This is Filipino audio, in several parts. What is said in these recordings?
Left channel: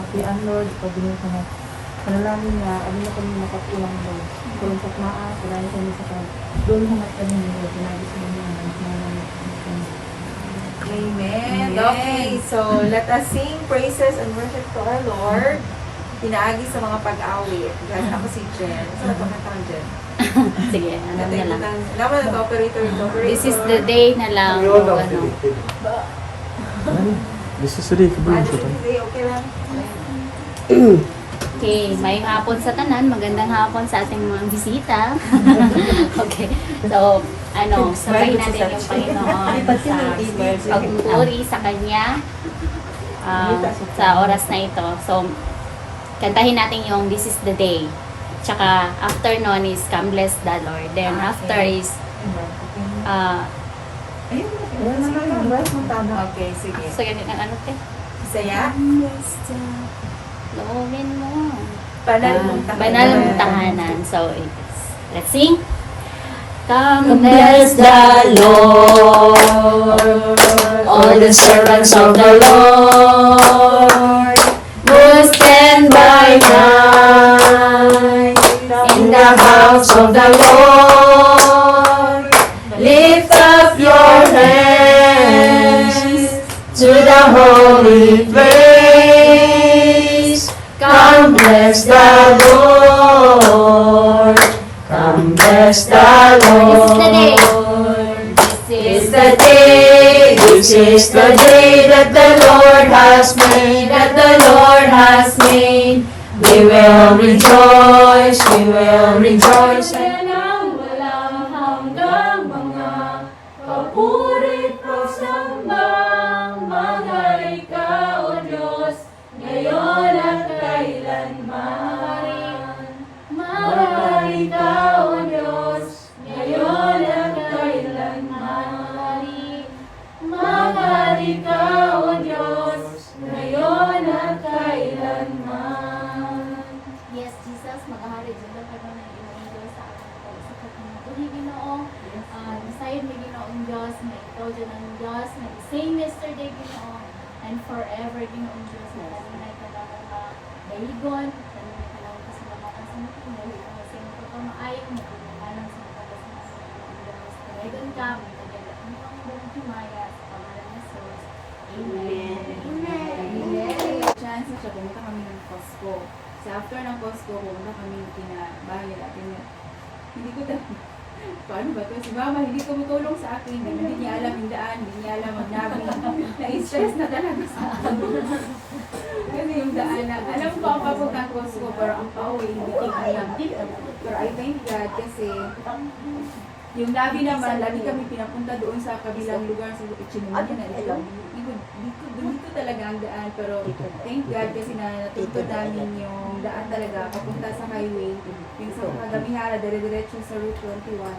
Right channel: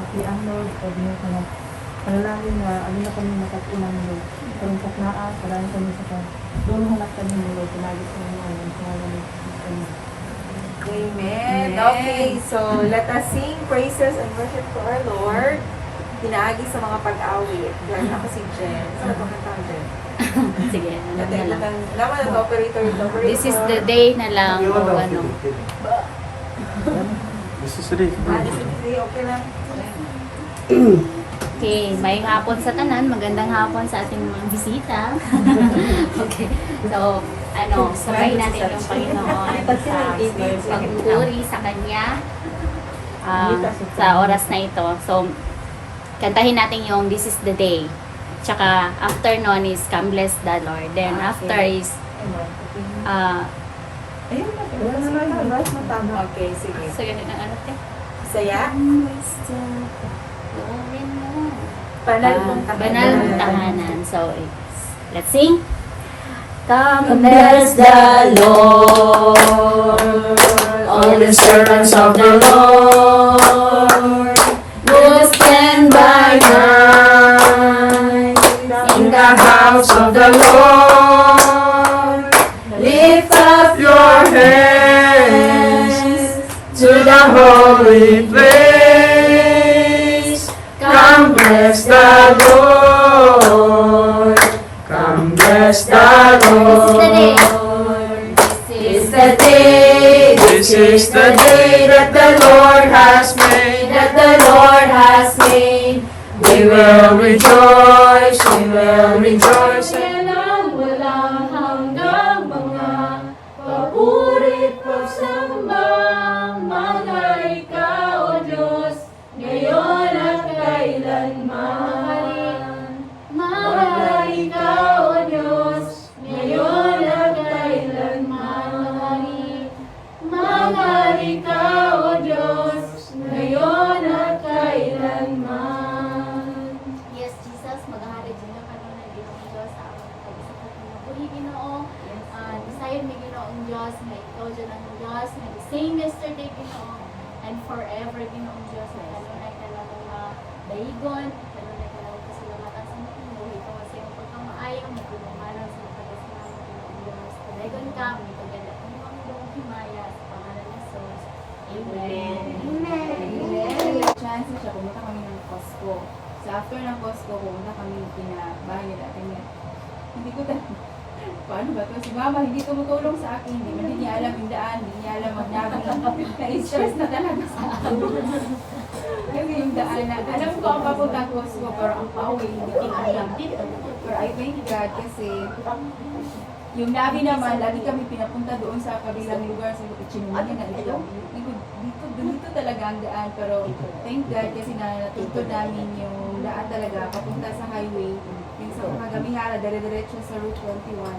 hapian Lord, pagbilang ka na panalangin na, alin na kami nakatulang Lord. Karong sakmaa, karang kami sa kanya. Doon hanap kami Lord, nagis kami Amen. Okay, so let us sing praises and worship to our Lord. Tinaagi sa mga pag-awit. Diyan ako si Jen. Saan ito kantang Jen? Sige, alam na lang. Naman ang operator. This is the day na lang o ano. This is the day to do Okay lang. Okay, may hapon sa tanan. Magandang hapon sa ating mga bisita. Okay, so ano, sabay natin yung Panginoon sa pagpupuri sa Kanya sa oras na ito. So, kantahin natin yung This is the Day. Tsaka, after nun is Come Bless the Lord. Then, after is Okay, sige. so, yun ang ano te? Saya? Loobin mo. Banal mong tahanan. Banal mong tahanan. So, let's sing. Come bless the Lord, all the servants of the Lord, who stand by night in the house of the Lord. Lift up your hands to the holy place. Come bless the Lord. Come bless the Lord. This is the day. This is the day that the Lord has made. That the Lord has made. We will rejoice. We will rejoice. Walang hanggang mga papurit pagsambang mga ikaw, O Diyos, ngayon at kailanman. Mahal ikaw, O Diyos, ngayon at kailanman. Mahal ikaw, O Diyos, ngayon at kailanman. Yes, Jesus, maghahari din ka rin ng Ginoong Diyos sa aming pag-isakot ng puli, Ginoo. Nasayod mi Ginoong Diyos, na ikaw dyan ang Diyos, na the same yesterday, Ginoo, and forever, Ginoong Diyos, na kanunay ka lang mga dahigon, kanunay ka lang kasalamatan sa mo, ikaw sa iyong pagkamaayong, magpupamalan sa mga pagkamaayong, Ginoong Diyos, kanagon ka, may kaganda, ang pangudong himaya, sa pangalan ng Jesus. Amen. Amen. Chance na siya, pumunta kami ng Costco. So after ng Costco, pumunta kami bahay nila. Hindi ko paano ba ito? Si Mama, hindi tumutulong sa akin. Hindi niya alam yung daan, hindi niya alam mag-navig. Na-stress na talaga sa akin. Kasi yung daan na, alam ko ang papunta ng Costco, pero ang pauwi, hindi ko alam. Pero I thank God kasi yung lagi naman, lagi kami pinapunta doon sa kabilang lugar sa Chinumanya na ito. Dito talaga ang daan, pero thank God kasi natuto namin yung daan talaga papunta sa highway. Yung sa Kagabihara, dire-diretso sa Route 21.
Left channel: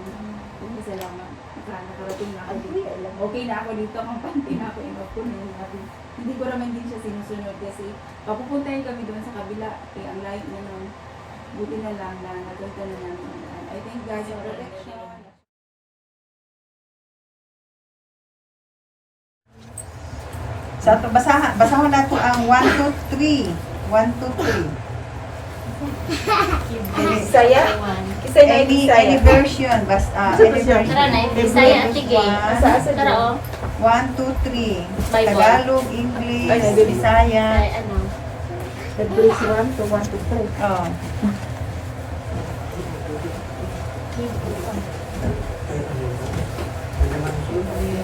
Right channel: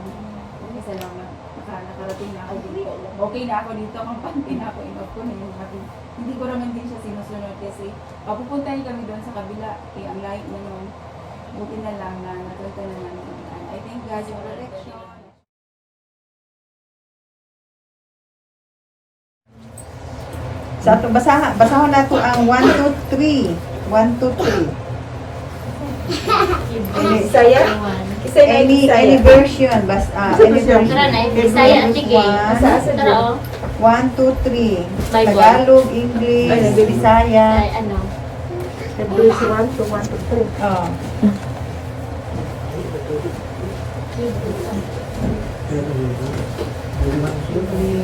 Salamat. Nakarating na ako dito. Okay na ako dito, kampante na ako, enough ko na yung sabi. Hindi ko naman din siya sinusunod kasi papupuntahin kami doon sa kabila. Kaya ang light naman, buti na lang na natunto na namin. I thank God sa protection. Sa ito, basahon na ito ang 1, 2, 3. 1, 2, 3. Saya? Any version. Any version. Bisaya at sige. Tara o. 1, 2, 3. Tagalog, English, Bisaya. Ay, ano? W1 to 1 to 3. Oh.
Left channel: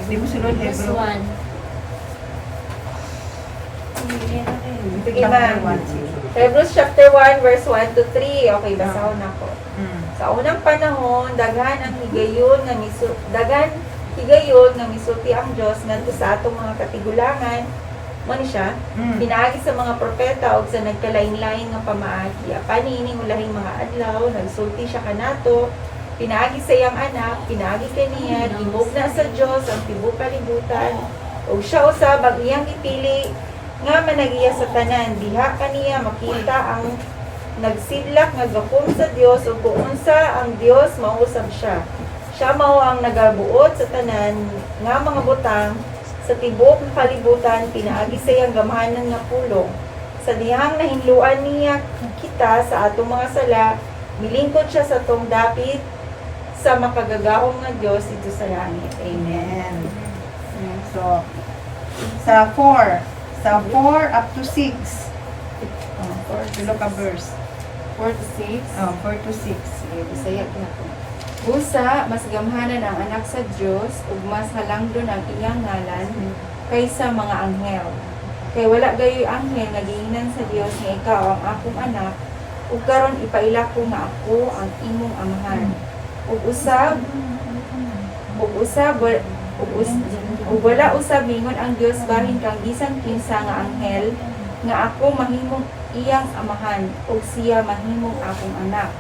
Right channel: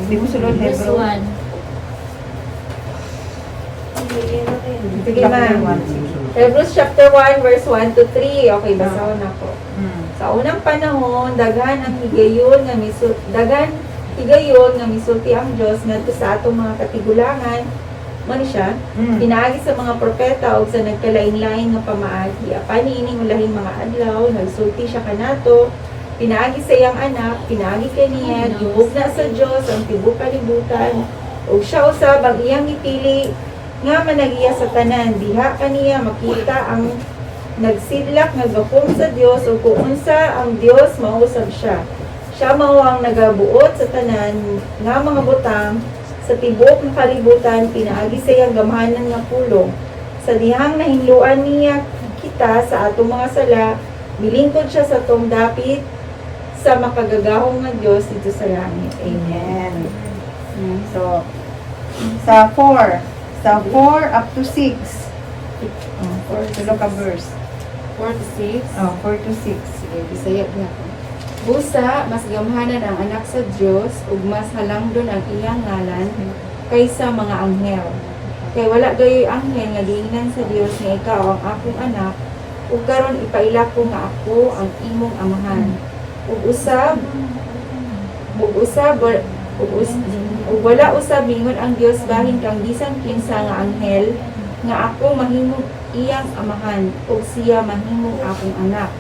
Hindi ko sunod This Hebrew. one. Sige na. Hebrews chapter 1 verse 1 to 3. Okay, basahon ako. Sa unang panahon, dagan higayon nga misulti ang Dios ngadto sa atong mga katigulangan. Mani siya, pinaagi sa mga propeta o sa nagkalain-lain nga pamaagi. Apani ining ulahing mga adlaw, nagsulti siya kanato, pinaagi sa iyang anak, pinaagi kaniya, tibok na sa Dios ang tibok kalibutan, o siya usab ang iyang ipili, nga managiya sa tanan, diha kaniya makita ang nagsidlak, nagapong sa Dios, o kung unsa ang Dios, mausab siya. Siya mao ang nagabuot sa tanan, nga mga butang, sa tibok ng kalibutan, pinaagi sa iyang gamhanan nga pulong. sa dihang nahinluan niya kita sa atong mga sala, milingkod siya sa tong dapit sa makagagahong nga Dios dito sa langit. Amen. So, sa 4 up to 6. Tulo ka verse. 4 to 6. 4 to 6. Sige, Bisaya na. Busa, mas gamhanan ang anak sa Dios ug mas halangdon ang iyang ngalan kaysa mga anghel. Kay wala gayoy anghel nga giingnan sa Dios nga ikaw ang akong anak ug karon ipaila ko nga ako ang imong amahan. Ug wala usab mingon ang Dios bahin kang bisan kinsa nga anghel nga ako mahimong iyang amahan ug siya mahimong akong anak.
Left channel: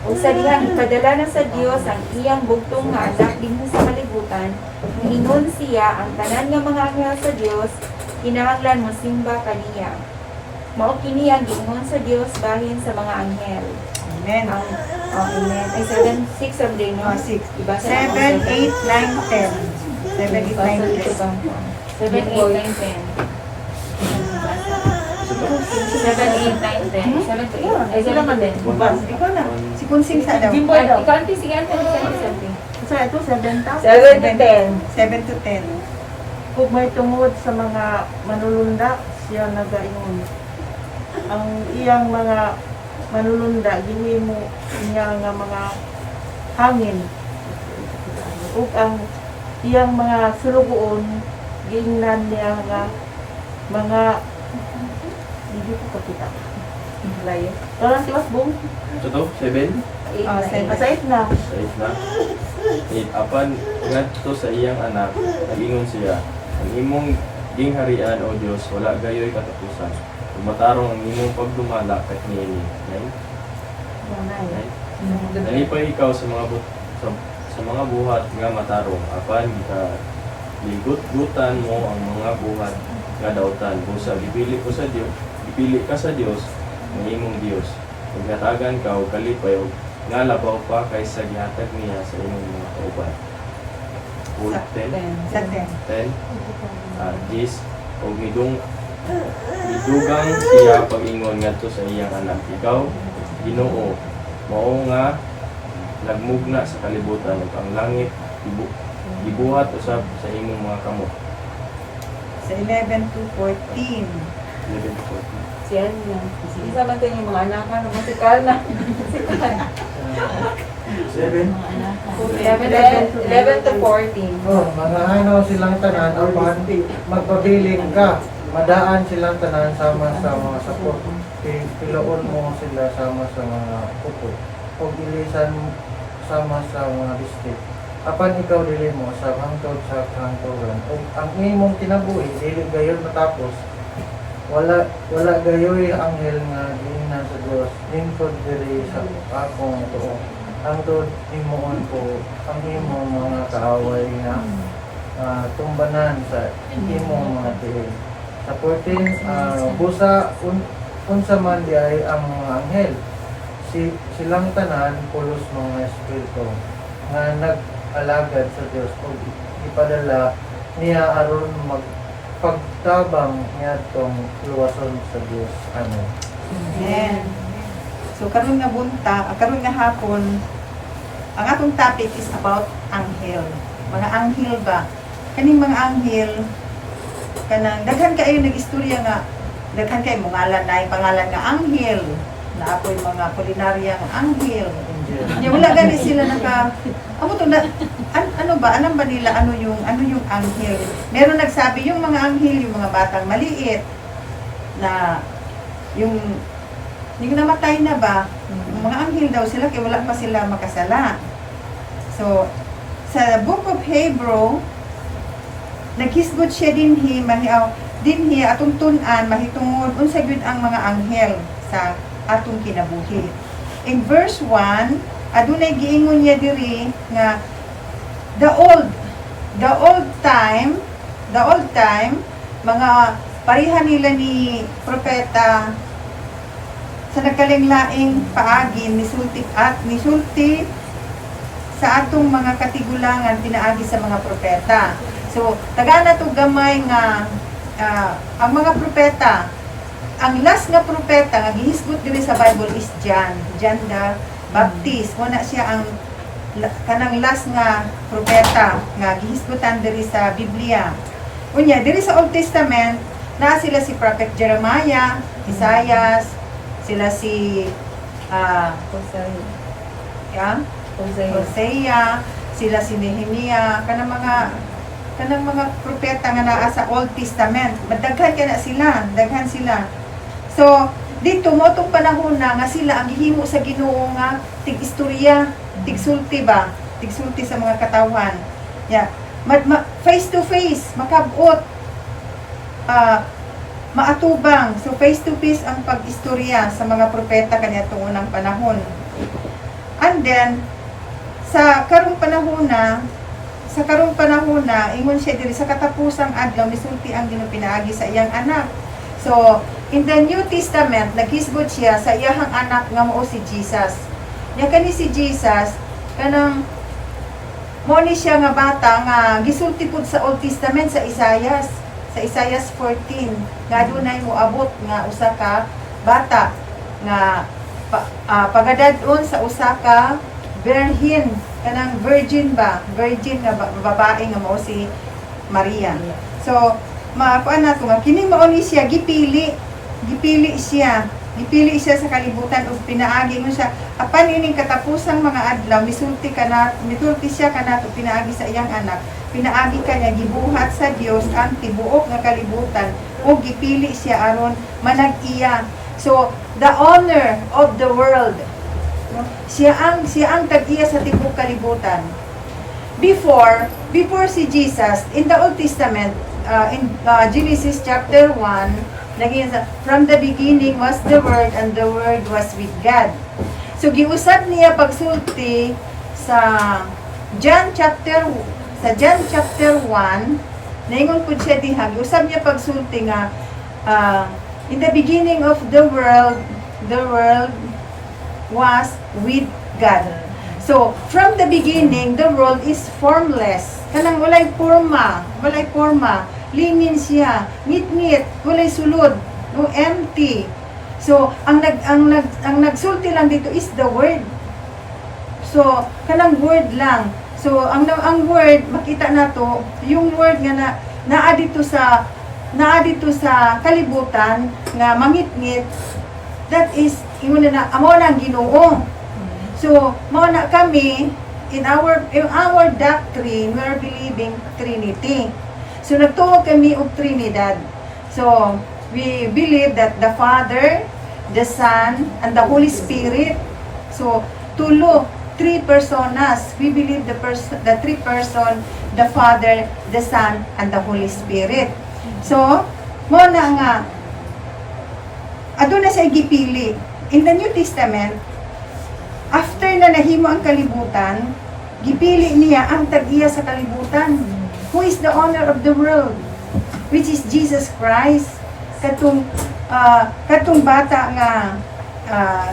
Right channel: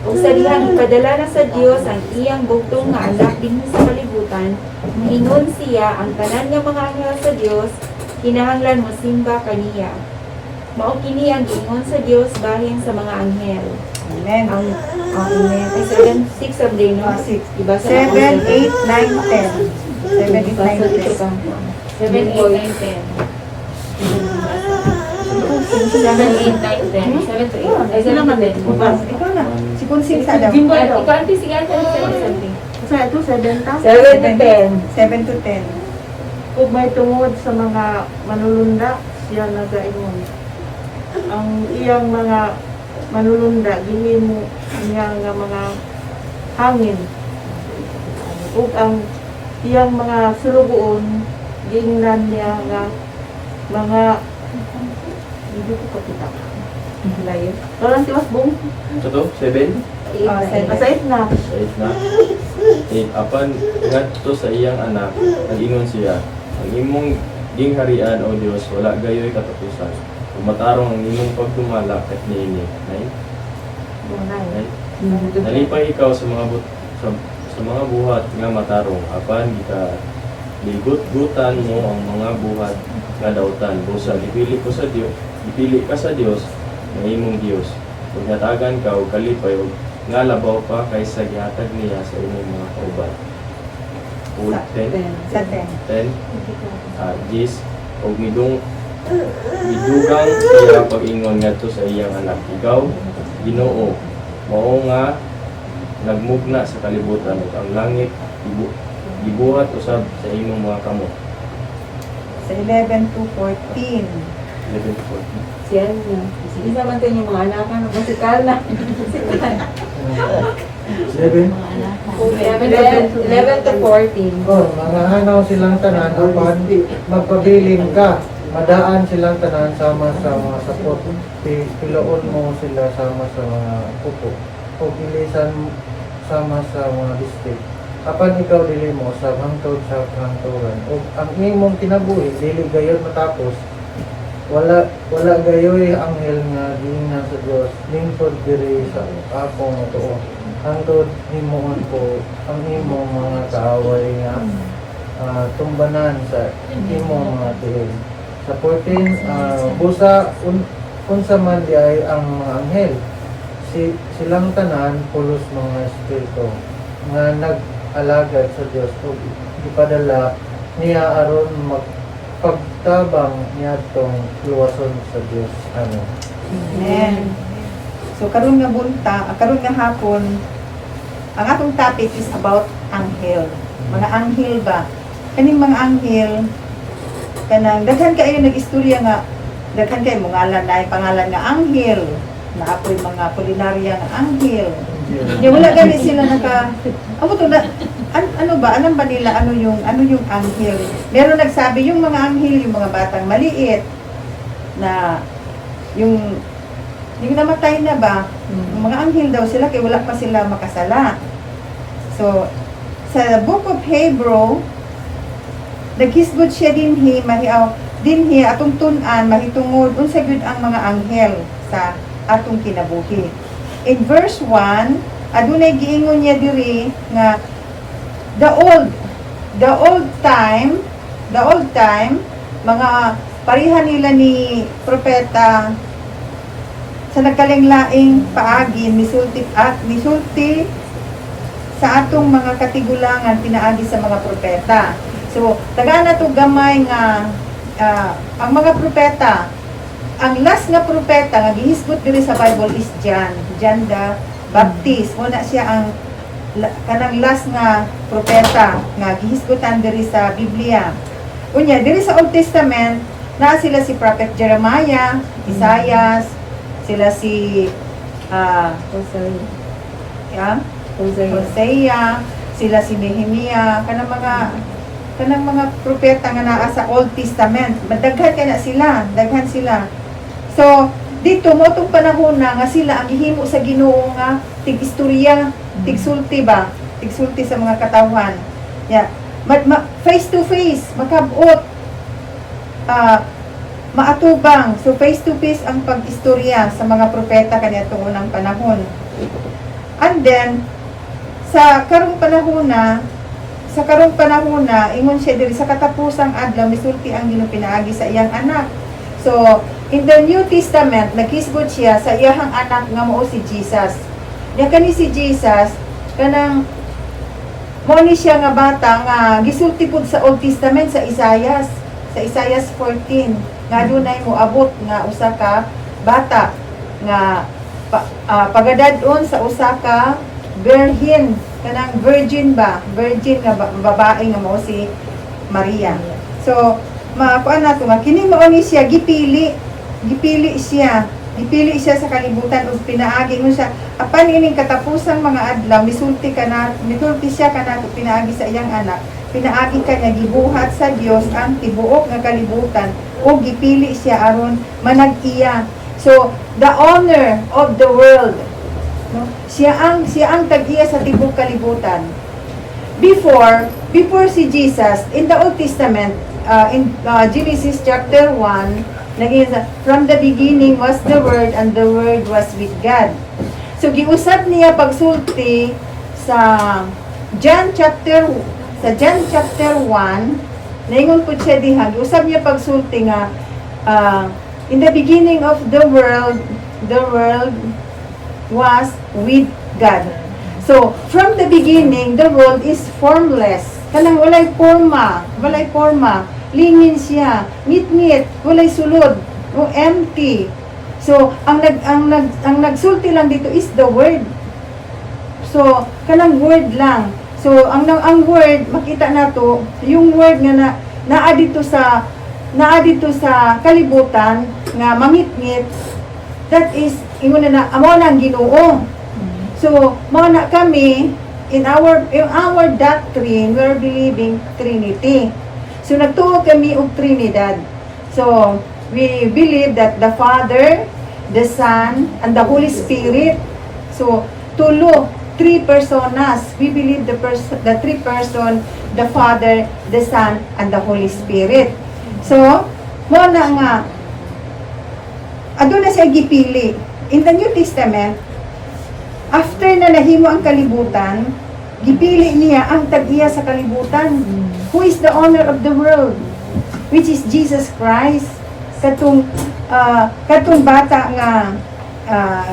Ug sa dihang ipadala na sa Dios ang iyang dugtong nga anak dinhi sa kalibutan, moingon siya ang tanan nga mga anghel sa Dios kinahanglan mosimba kaniya. Mao kini ang giingon sa Dios bahin sa mga anghel. Amen. Ang amen. 6 of day, no? 6. Diba? 7, 8, 9, 10. 7, 8, 9, 10. 7, 8, 9, 10. 7, 8, 9, 10. 7 to 8. Ay, sila man din. Ikaw na. Si Kunsing sa daw. Ikanti, sige, anti. Sa ito, 7 ta? 7 to 10. 7 to 10. Kung may tungod sa mga manulunda, siya nagaingon. Ang iyang mga manulunda, gihimo niya nga mga hangin. Ug ang iyang mga sulugoon, gingnan niya nga mga hindi ko kapita. Layo. Karon tiwas bong. Ito, 7. Asait na. 8 na. 8. Apan, ngadto sa iyang anak, nag-ingon siya, ang imong gingharian o Diyos, wala gayoy katapusan. Kung matarong ang imong pagdumala kahit niini. 9. Nalipay ikaw sa mga sa mga buhat nga matarong. Apan, ligot-gutan mo ang mga buhat nga dautan. Busa, dipili ka sa Diyos, ng imong Diyos. Kung natagan ka o kalipay, nga labaw pa kaysa gihatag niya sa imong mga kauban. 10. Sa 10. 10. Gis, o midugang siya pag-ingon ngadto sa iyang anak. Ikaw, Ginoo, mao nga nagmugna sa kalibutan ug ang langit gibuhat usab sa imong mga kamot. Sa 11 to 14. 11 to 14. Siya na. Sige, sa man yung mga anak na magmasikal na. 7. 11 to 14. Oh, nangahanaw silang tanan upan magpabilin ka. Madaan silang tanan sama sa mga sakot. Piloon mo sila sama sa mga tupo. O bilisan sama sa mga bistik. Apan ikaw dili mo sa hangtod sa kantoran. O ang imong kinabuhi dili gayon matapos. Wala gayoy anghel nga gina sa Dios. Lingkod diri sa akong tuo. Hangtod himuon ko ang imong mga kaaway nga tumbanan sa imong mga tihig. Sa 14, busa unsa man di ay ang mga anghel. Silang tanan pulos mga espiritu nga nag-alagad sa Dios o ipadala niya aron magpagtabang niya tong luwason sa Dios. Amen. Amen. So karon nga hapon, ang atong topic is about anghel. Mga anghel ba? Kaning mga anghel kanang daghan kayo nag-istorya nga daghan kay mga pangalan nga anghel na ako'y mga polinarya nga anghel. Di wala gani sila amo to na ano ba alam ba nila ano yung anghel? Meron nagsabi yung mga anghel yung mga batang maliit na yung namatay na ba? Yung mga anghel daw sila kay wala pa sila makasala. So sa Book of Hebrew naghisgod siya dinhi atong tun-an mahitungod unsa gyud ang mga anghel sa atong kinabuhi. In verse 1, adunay giingon niya diri nga the old time mga pareha nila ni propeta sa nagkalinglaing paagi nisulti sa atong mga katigulangan pinaagi sa mga propeta. So, taga na to gamay nga ang mga propeta ang last nga propeta nga gihisgot diri sa Bible is John the Baptist. Muna siya ang kanang last nga propeta nga gihisgotan diri sa Biblia. Unya diri sa Old Testament na sila si Prophet Jeremiah, Isaiah, sila si Hosea, sila si Nehemiah, kanang mga propeta nga naa sa Old Testament. Daghan kay na sila, daghan sila. So dito mo tong panahon na nga sila ang gihimo sa Ginoo nga tig-istorya, tig-sulti ba? Tig-sulti sa mga katawhan. Yeah. Face to face, makabot, maatubang. So face to face ang pag-istorya sa mga propeta kaniadtong unang panahon. And then sa karong panahon na ingon siya diri sa katapusang adlaw misulti ang Ginoo pinaagi sa iyang anak. So in the New Testament naghisgot siya sa iyang anak nga mao si Jesus. Nya kani si Jesus kanang mo ni siya nga bata nga gisulti pud sa Old Testament sa Isaiah 14 nga dunay moabot nga usa ka bata nga pagadadon sa usa ka virgin, kanang virgin nga babae nga mao si Maria. So maakuan nato nga kini mao ni siya gipili siya sa kalibutan ug pinaagi mo siya apan ining katapusang mga adlaw misulti siya kanato pinaagi sa iyang anak, pinaagi kanya gibuhat sa Dios ang tibuok nga kalibutan ug gipili siya aron manag-iya. So the honor of the world, no, siya ang tag-iya sa tibuok kalibutan. Before si Jesus in the Old Testament, in Genesis chapter 1 naging from the beginning was the Word and the Word was with God. So giusab niya pagsulti sa John chapter 1 naingon pud siya diha giusab niya pagsulti nga in the beginning of the world was with God. So from the beginning the world is formless, kanang walay forma, lingin siya, ngit-ngit, walay sulod, o empty. So, ang nagsulti lang dito is the word. So, kanang word lang. So, ang word, makita nato, yung word nga naa dito sa kalibutan, nga mangit-ngit, that is, ingon na, amo na ang Ginoo. So, mao na kami, in our doctrine, we are believing Trinity. So, nagtuo kami og Trinidad. So, we believe that the Father, the Son, and the Holy Spirit. So, three personas. We believe the three person, the Father, the Son, and the Holy Spirit. So, mo na nga, aduna siya gipili. In the New Testament, after na nahimo ang kalibutan, gipili niya ang tag-iya sa kalibutan. Who is the owner of the world? Which is Jesus Christ. Katong bata nga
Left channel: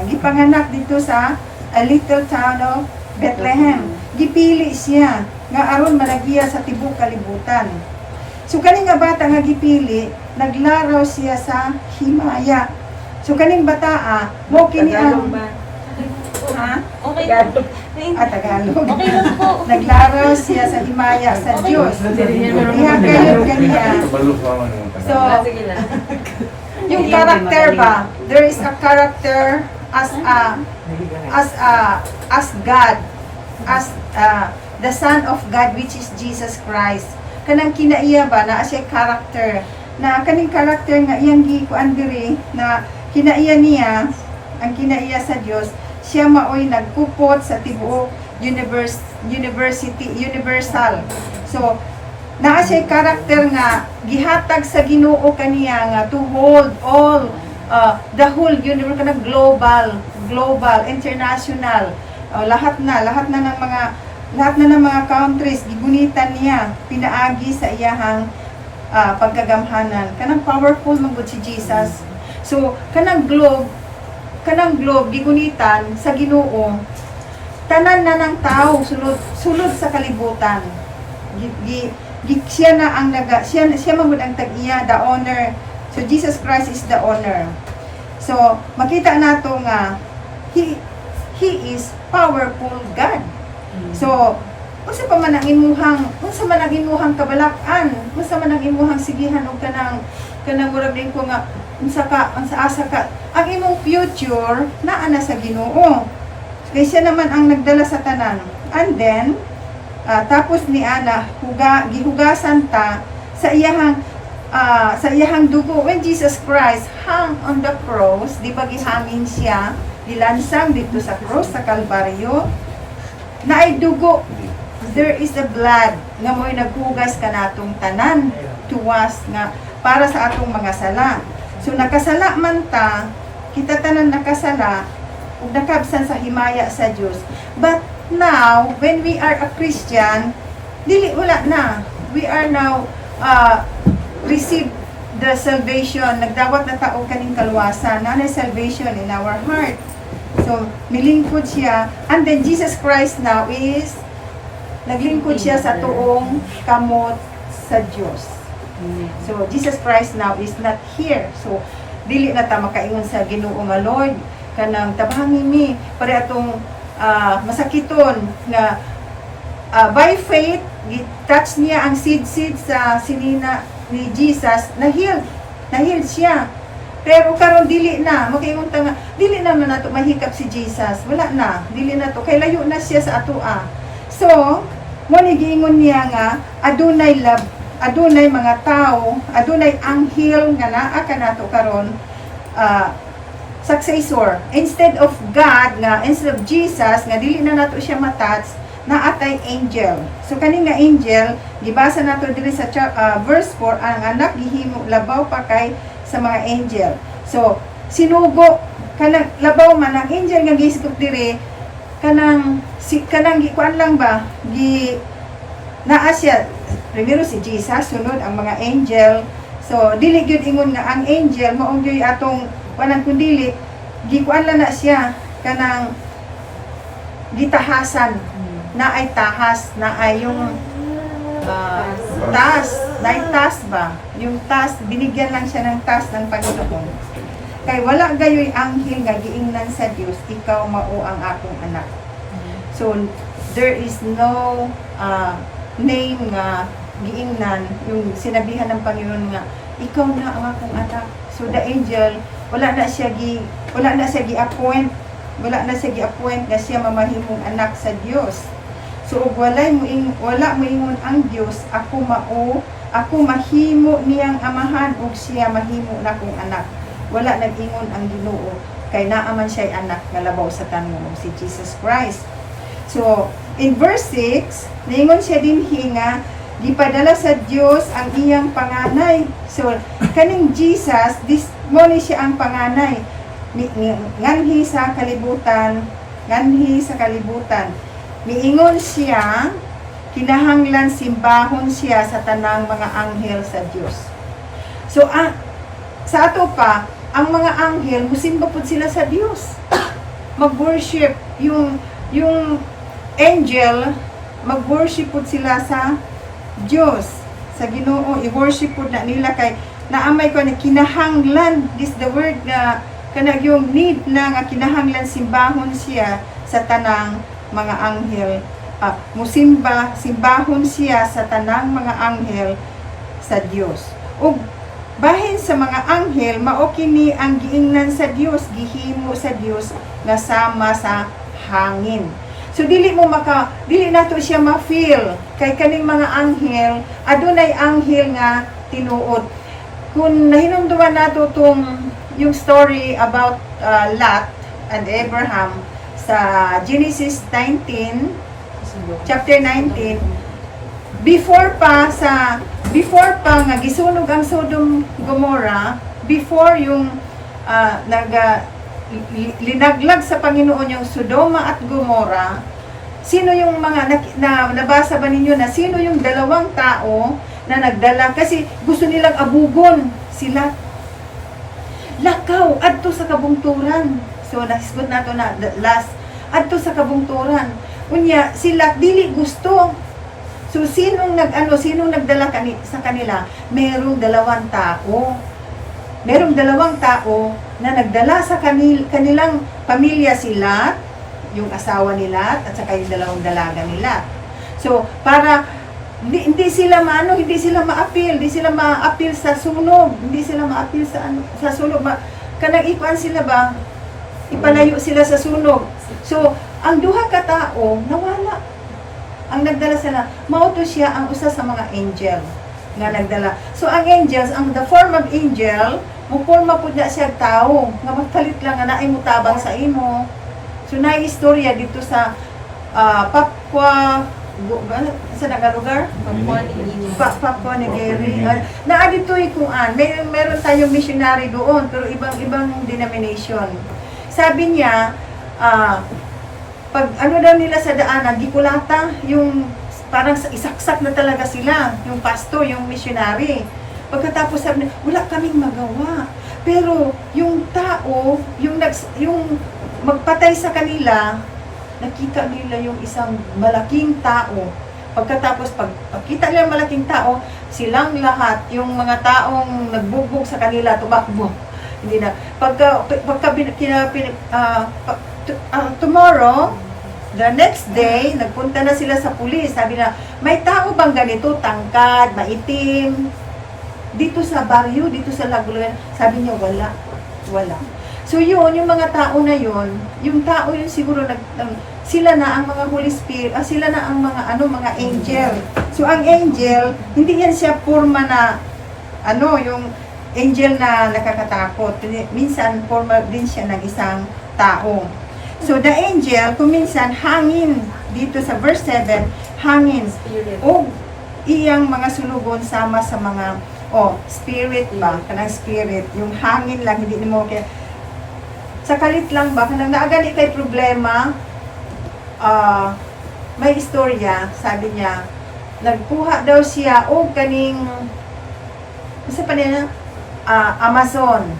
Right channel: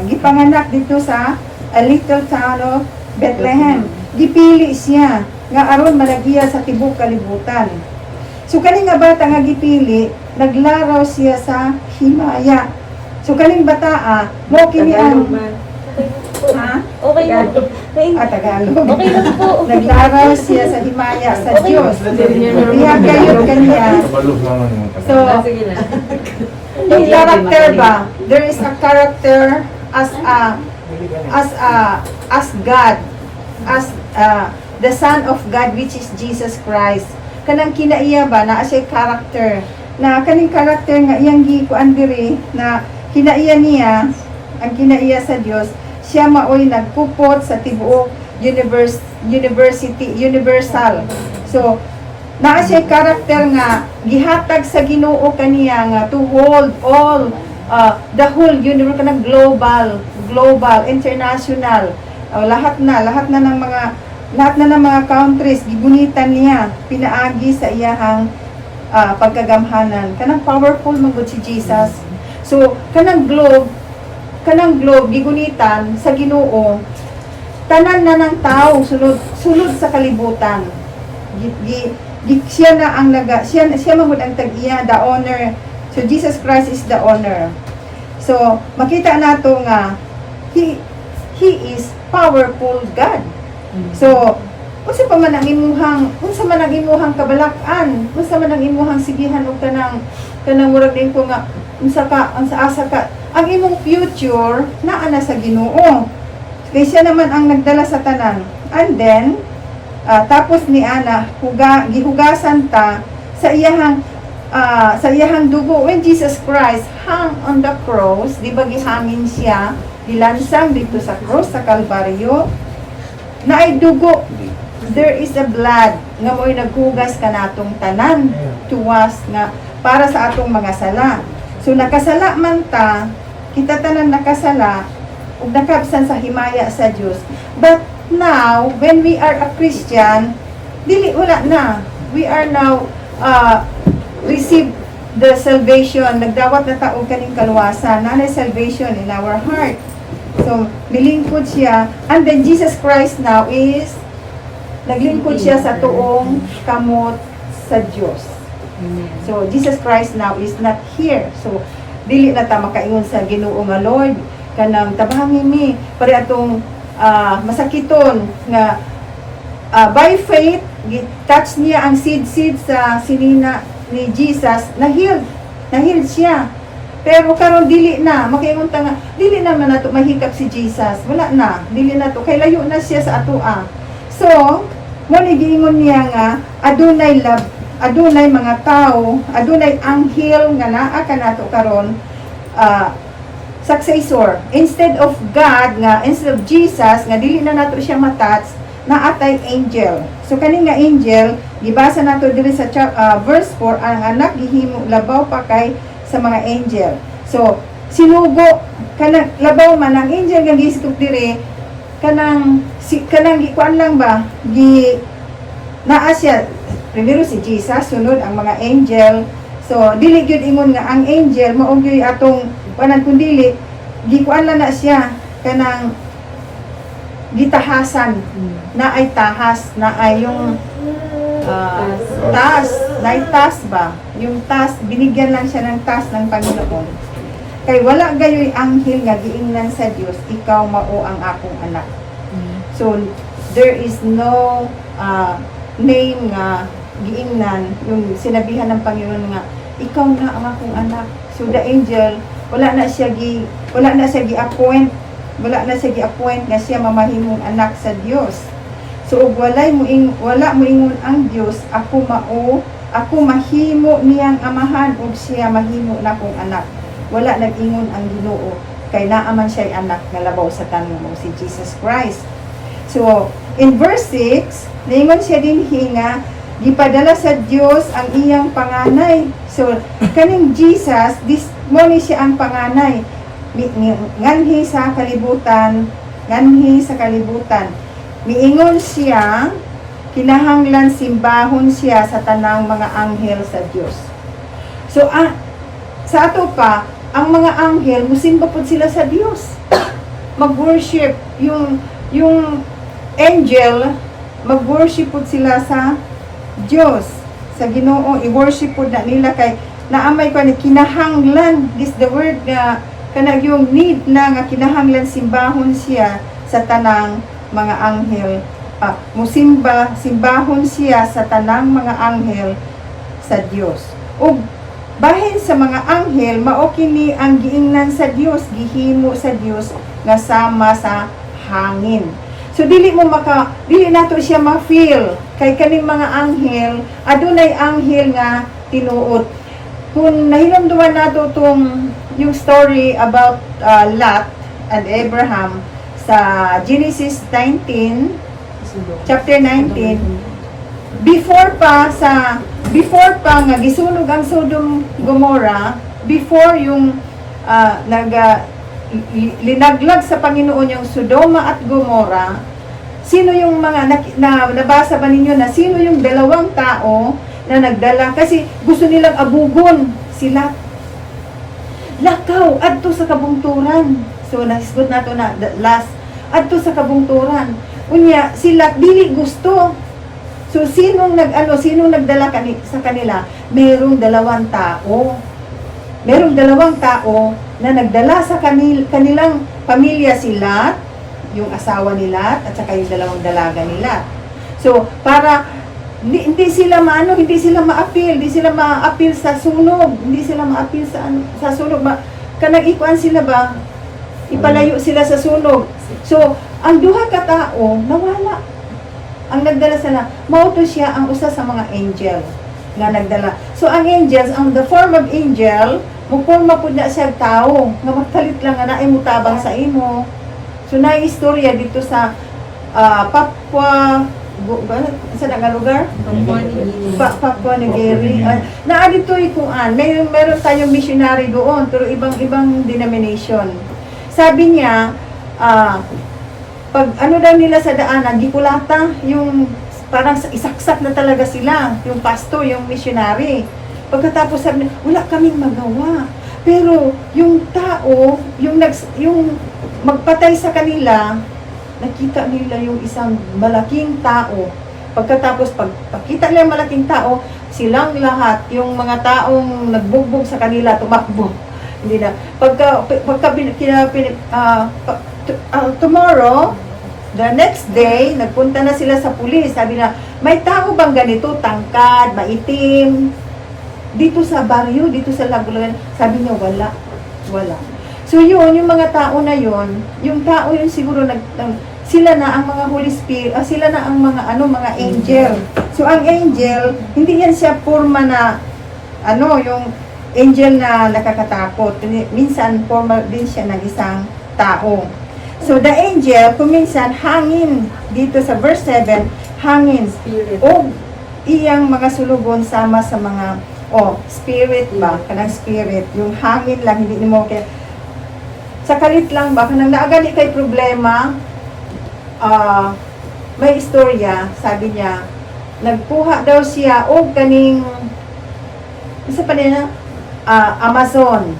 gipanganak dito sa a little town of Bethlehem. Gipili siya nga aron managiya sa tibuok kalibutan. So kaning nga bata nga gipili, naglaraw siya sa himaya. So kaning bata mo kini ang Okay lang. Tagalog. Okay lang po. Naglaraw siya sa himaya sa Diyos. Ihagayod kaniya. So, yung character ba? There is a character as God, as the Son of God, which is Jesus Christ. Kanang kinaiya ba na siya character na kaning character nga iyang gikuan diri na kinaiya niya, ang kinaiya sa Dios. Siya maoy nagpupot sa tibuok universal. So, naa siya karakter nga gihatag sa Ginoo kaniya nga to hold all the whole universe kanang global, international. Lahat na ng mga countries gigunitan niya pinaagi sa iyahang pagkagamhanan. Kanang powerful man gud si Jesus. So, kanang globe gigunitan sa Ginoo, tanan na ng tao sulod sa kalibutan. Siya na ang siya magud ang tag-iya, the owner. So Jesus Christ is the owner. So makita nato nga He is powerful God. So unsa pa man ang imuhang kabalakan, unsa man ang imuhang sigihan og kanang murag din ko nga unsa asa ka, ang imong future naa na sa Ginoo. Kay siya naman ang nagdala sa tanan. And then tapos ni Ana gihugasan ta sa iyahang dugo when Jesus Christ hung on the cross, di ba gihangin siya, gilansang dito sa cross sa Kalbaryo, na ay dugo. There is a blood nga mo'y naghugas kanatong tanan to wash nga para sa atong mga sala. So nakasala man ta, kita tanan nakasala ug nakabsan sa himaya sa Dios. But now when we are a Christian, dili wala na. We are now receive the salvation. Nagdawat na taong kaning kaluwasan. Nanay salvation in our heart. So nilingkod siya. And then Jesus Christ now is naglingkod siya sa tuong kamot sa Diyos. So Jesus Christ now is not here. So dili na ta makaingon sa Ginoo nga Lord kanang tabangin mi pare atong masakiton nga by faith touch niya ang seed sa sinina ni Jesus, na-heal siya. Pero karon dili na makaingon ta nga dili na man nato mahikap si Jesus, wala na, dili na to kay layo na siya sa atoa. So mo ni giingon niya nga adunay love, adunay mga tao, adunay anghel nga naa kanato karon successor instead of God nga, instead of Jesus nga dili na nato siya matouch, naatay angel. So kani nga angel gibasa nato diri sa verse 4, ang anak gihimo labaw pa kay sa mga angel. So sinugo kanang labaw man ang angel nga gisikop diri kanang gikuan lang ba naa siya primero si Jesus, sunod ang mga angel. So dili gyud ingon nga ang angel mao gyud atong wanan kundi gikuan lang na siya kanang gitahasan, na ay tahas, na ay yung tas ba? Yung tas, binigyan lang siya ng tas ng Panginoon. Kay wala gayoy anghel nga giingnan sa Dios, ikaw mao ang akong anak. So there is no name nga giingnan, yung sinabihan ng Panginoon nga ikaw na ang akong anak. So the angel wala na siya gi-appoint na siya mamahimong anak sa Dios. So ug wala mo ingon ang Dios, ako mahimo niyang amahan ug siya mahimo na kong anak. Wala nag-ingon ang Ginoo kay naa man siya anak nga labaw sa tanan mo si Jesus Christ. So in verse 6 niingon siya dinhi nga gipadala sa Dios ang iyang panganay. So kaning Jesus mo ni siya ang panganay nganhi sa kalibutan. Miingon siya, kinahanglan simbahon siya sa tanang mga anghel sa Dios. So sa ato pa, ang mga anghel musimba pud sila sa Dios. Mag-worship yung angel, mag-worship pud sila sa Dios, sa Ginoo. I-worship pud na nila kay naamay ko ni kinahanglan, this the word nga kanang yung need na nga kinahanglan simbahon siya sa tanang mga anghel. Simbahon siya sa tanang mga anghel sa Dios. Ug bahin sa mga anghel mao kini ang giingnan sa Dios, gihimo sa Dios nga sama sa hangin. So dili nato siya ma-feel kay kaning mga anghel, adunay anghel nga tinuod. Kung nahinumduman nato yung story about Lot and Abraham sa Genesis 19, chapter 19, before pa nga gisunog ang Sodom Gomorrah, before yung linaglag sa Panginoon yung Sodoma at Gomorrah, sino yung mga nabasa ba ninyo na sino yung dalawang tao na nagdala kasi gusto nilang abugon sila. Lakaw adto sa kabungturan. So nahisgot nato na last adto sa kabungturan. Unya sila dili gusto. So sinong nagdala sa kanila? Merong dalawang tao. merong dalawang tao na nagdala sa kanilang pamilya sila, yung asawa nila at saka yung dalawang dalaga nila. So, para hindi sila ma-appeal, hindi sila ma-appeal sa sunog, hindi sila ma-appeal sa sunog. Kanang ikuan sila ba? Ipalayo sila sa sunog. So, ang duha ka tao nawala. Ang nagdala sila, mauto siya ang usa sa mga angel nga nagdala. So, ang angels, ang the form of angel, muporma pud na siya tao nga magkalit lang nga naay mutabang sa imo. So, naistorya dito sa Papua sa dagang lugar? Papua New Guinea. Dito ikuan. Meron tayong missionary doon, pero ibang denomination. Sabi niya, pag ano daw nila sa daanan, gikulata, yung parang isaksak na talaga sila, yung pastor, yung missionary. Pagkatapos sabi niya, wala kaming magawa. Pero yung tao, yung magpatay sa kanila, nakita nila yung isang malaking tao. Pagkatapos, pagkita nila yung malaking tao, silang lahat, yung mga taong nagbugbog sa kanila, tumakbo. Hindi na. Tomorrow, the next day, nagpunta na sila sa pulis. Sabi na, may tao bang ganito, tangkad, maitim, dito sa baryo, dito sa Lagulagan? Sabi niya, wala. So yun, yung mga tao na yun, yung tao yun siguro sila na ang mga Holy Spirit, sila na ang mga mga angel. So ang angel, hindi yan siya forma na yung angel na nakakatakot. Minsan forma din siya ng isang tao. So the angel, kung minsan hangin dito sa verse 7, hangin o iyang mga sulugon sama sa mga spirit ba, kanang spirit, yung hangin lang, hindi mo kaya sa kalit lang ba, kanang naagani kay problema, may istorya, sabi niya, nagkuha daw siya o kaning, isa pa nila, Amazon.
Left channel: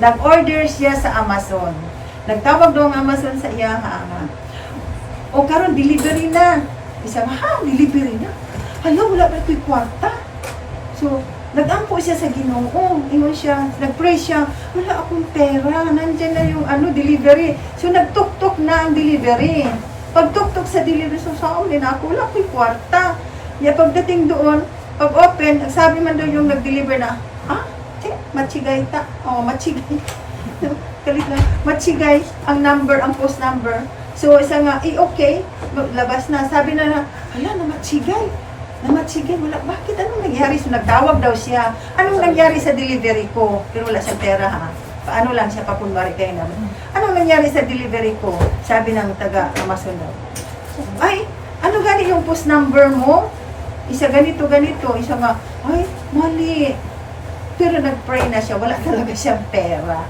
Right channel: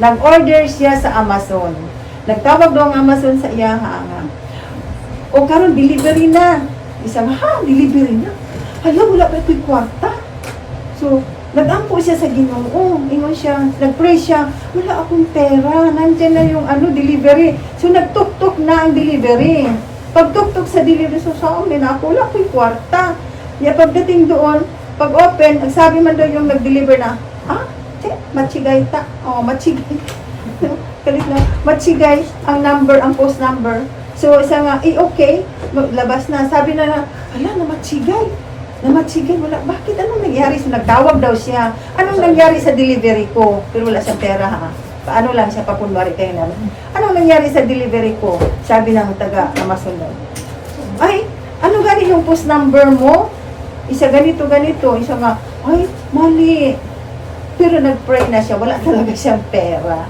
Nag-order siya sa Amazon. Nagtawag daw ang Amazon sa iya, o karon delivery na. Isa delivery na. Hala, wala ba ko'y kwarta? So, nag-ampo siya sa Ginoo. Ingon siya, nag-pray siya, wala akong pera, nandiyan na yung delivery. So, nagtuktok na ang delivery. Pagtuktok sa delivery, so saan din ako, wala akong kwarta. Kaya pagdating doon, pag-open, ang sabi man daw yung nag-deliver na, matsigay ta. Matsigay. Kalit na, matsigay ang number, ang post number. So, isa nga, okay, labas na. Sabi na, hala, namatsigay, wala. Bakit? Anong nangyari? So, nagtawag daw siya. Anong nangyari sa delivery ko? Pero wala siyang pera, Paano lang siya pakunwari kayo na? Anong nangyari sa delivery ko? Sabi ng taga Amazon daw. Ay, ano gani yung post number mo? Isa ganito. Isa nga, ay, mali. Pero nag-pray na siya. Wala talaga siyang pera.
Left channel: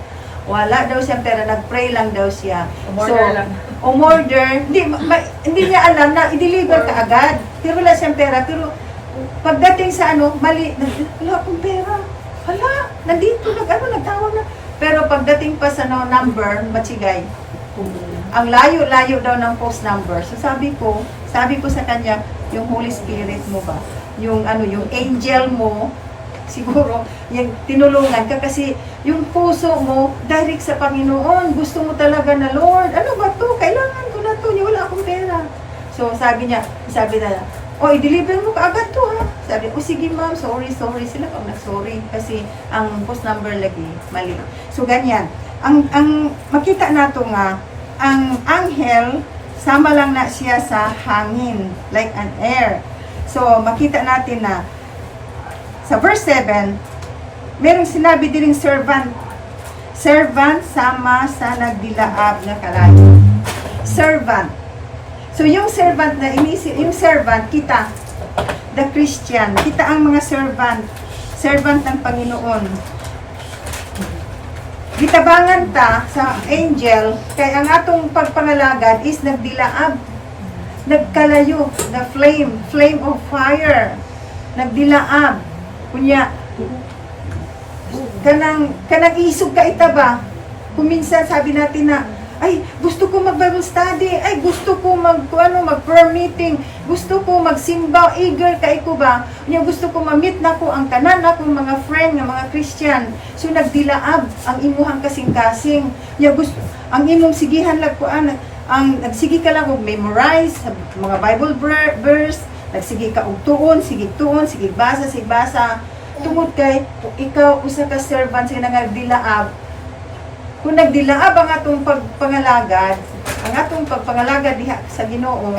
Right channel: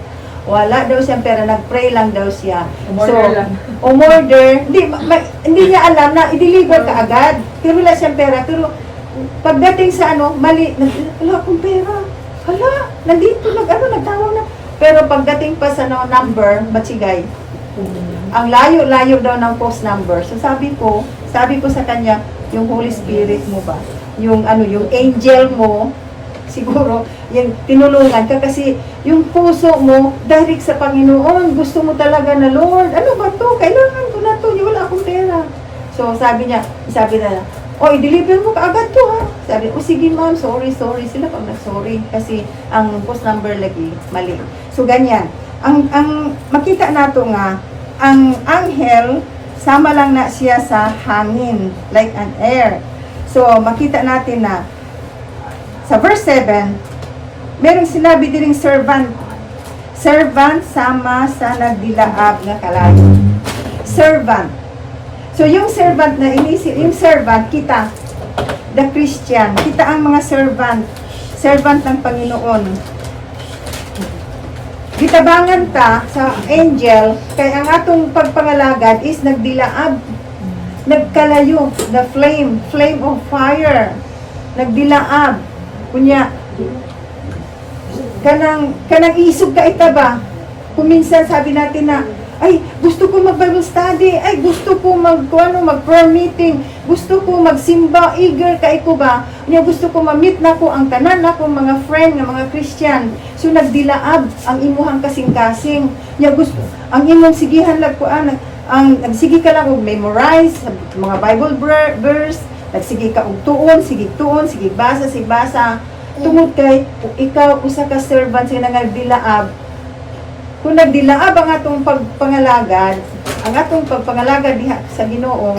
Nag-pray lang daw siya. Umorder. Hindi niya alam na i-deliver ka agad. Pero wala siyang pera. Pero pagdating sa mali, wala akong pera. Hala, nandito, nagtawag na. Pero pagdating pa sa number, matsigay. Ang layo-layo daw ng post number. So sabi ko sa kanya, yung Holy Spirit mo ba? Yung angel mo, siguro, yung tinulungan ka kasi yung puso mo, direct sa Panginoon. Gusto mo talaga na, Lord, ano ba to? Kailangan ko na to. Wala akong pera. So sabi na, i-deliver mo ka agad to Sabi, sige ma'am, sorry. Sila pang na-sorry. Kasi ang post number lagi, mali. So ganyan. Ang makita nato nga, ang anghel, sama lang na siya sa hangin, like an air. So makita natin na, sa verse 7, merong sinabi din servant. Servant sama sa nagdilaab na kalayo. Servant. So yung servant na yung servant, kita, the Christian, kita ang mga servant ng Panginoon. Gitabangan ta sa angel, kay ang atong pagpangalagad is nagdilaab, nagkalayo, the flame of fire, nagdilaab. Kunya, kanang isog ka ita ba? Kung minsan sabi natin na, Ay, gusto ko mag-Bible study. Ay, gusto ko mag-prayer meeting. Gusto ko magsimba. Eager kay ko ba? Nya gusto ko ma-meet na ko ang tanan akong mga friend nga mga Christian. So nagdilaab ang imuhang kasing-kasing. Nya gusto ang imong sigihan lag ko ang nagsigi ka lang og memorize mga Bible verse. Nagsige ka og tuon, sige basa. Tungod kay ikaw usa ka servant sa nagdilaab. Kung nagdilaab ang atong pagpangalagad, ang atong pagpangalagad diha sa Ginoo,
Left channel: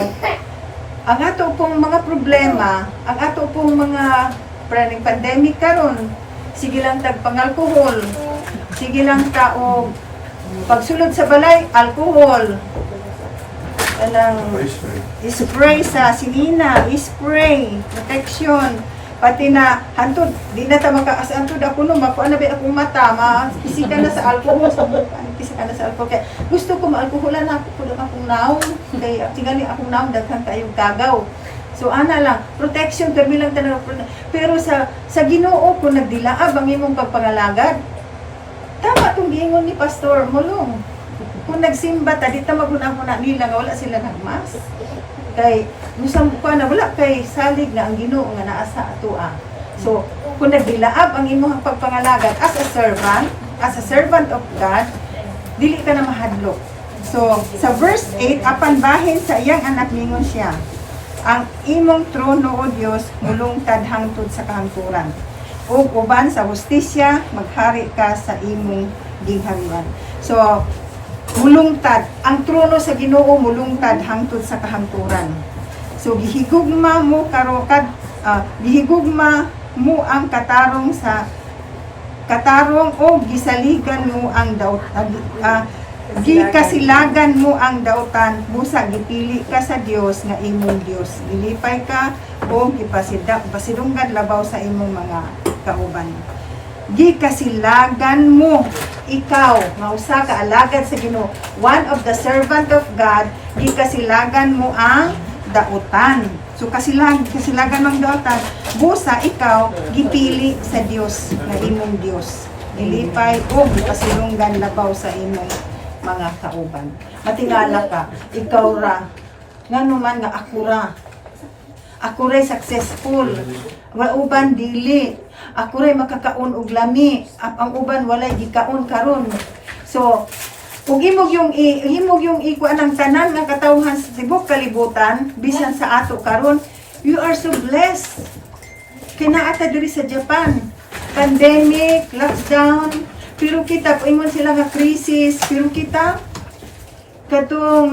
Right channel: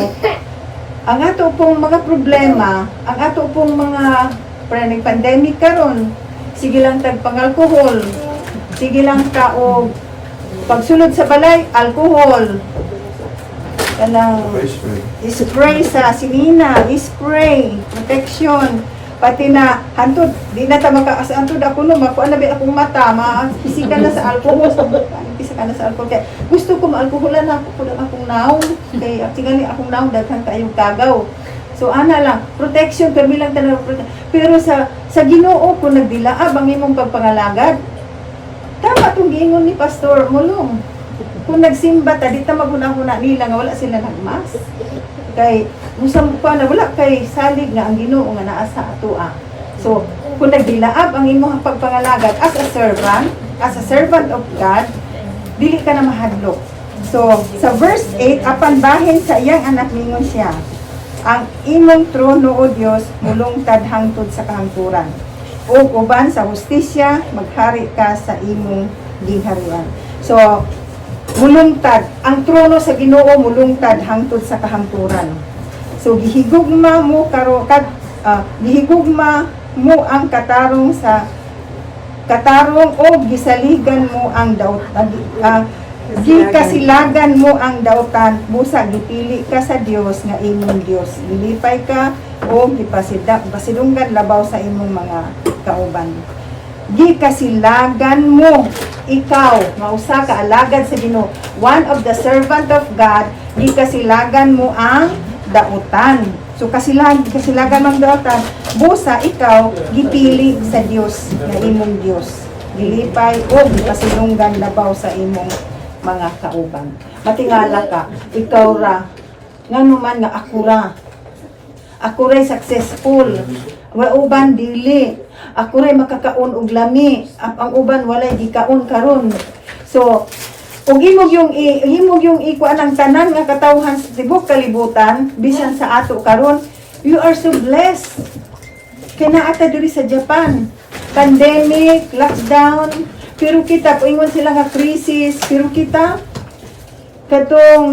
ang ato pong mga problema, ang ato pong mga pandemic karon, sige lang tag pang-alcohol, sige lang ka og pagsulod sa balay, alcohol. Kanang spray sa sinina, spray, protection, pati na hantod, di na ta makaasantod ako no, makuha na ba akong mata, mapisika na sa alcohol, pisika na sa alcohol. Kaya gusto ko ma-alcoholan lang ako akong naong, kaya tingali akong naong, daghan kayong kagaw. So ana lang, protection, pero bilang tanong pero sa Ginoo, kung nagdilaab ang imong pagpangalagad, tama itong giingon ni Pastor Mulong. Kung nagsimba ta, di ta maguna-una nila nga wala sila nagmas. Kay musam ko na wala kay salig nga ang Ginoo nga naa sa atoa. So kung nagdilaab ang imong pagpangalagad as a servant of God, dili ka na mahadlok. So sa verse 8, apan bahin sa iyang anak ningon siya, ang imong trono o Dios mulungtad hangtod sa kahangturan. Ug uban sa hustisya maghari ka sa imong gingharian. So mulungtad ang trono sa Ginoo, mulungtad hangtod sa kahangturan. So gihigugma mo ang katarong o gisaligan mo ang gikasilagan mo ang dautan, busa gipili ka sa Dios nga imong Dios. Gilipay ka o pasidunggan labaw sa imong mga kauban. Gikasilagan mo ikaw nga usa ka alagad sa Ginoo, one of the servant of God, gikasilagan mo ang dautan. So kasilagan mo ang dautan, busa ikaw gipili sa Dios nga imong Dios. Gilipay o gipasidunggan labaw sa imong mga kauban. Matingala ka, ikaw ra ngano man nga ako ray successful, wa uban dili. Ako ray makakaon og lami, ang uban walay gikaon karon. So ug imog yung ikuan ang tanan nga katawhan sa tibok kalibutan bisan sa ato karon, you are so blessed. Kaya ata diri sa Japan, pandemic, lockdown, pero kita ingon sila nga crisis, pero kita katong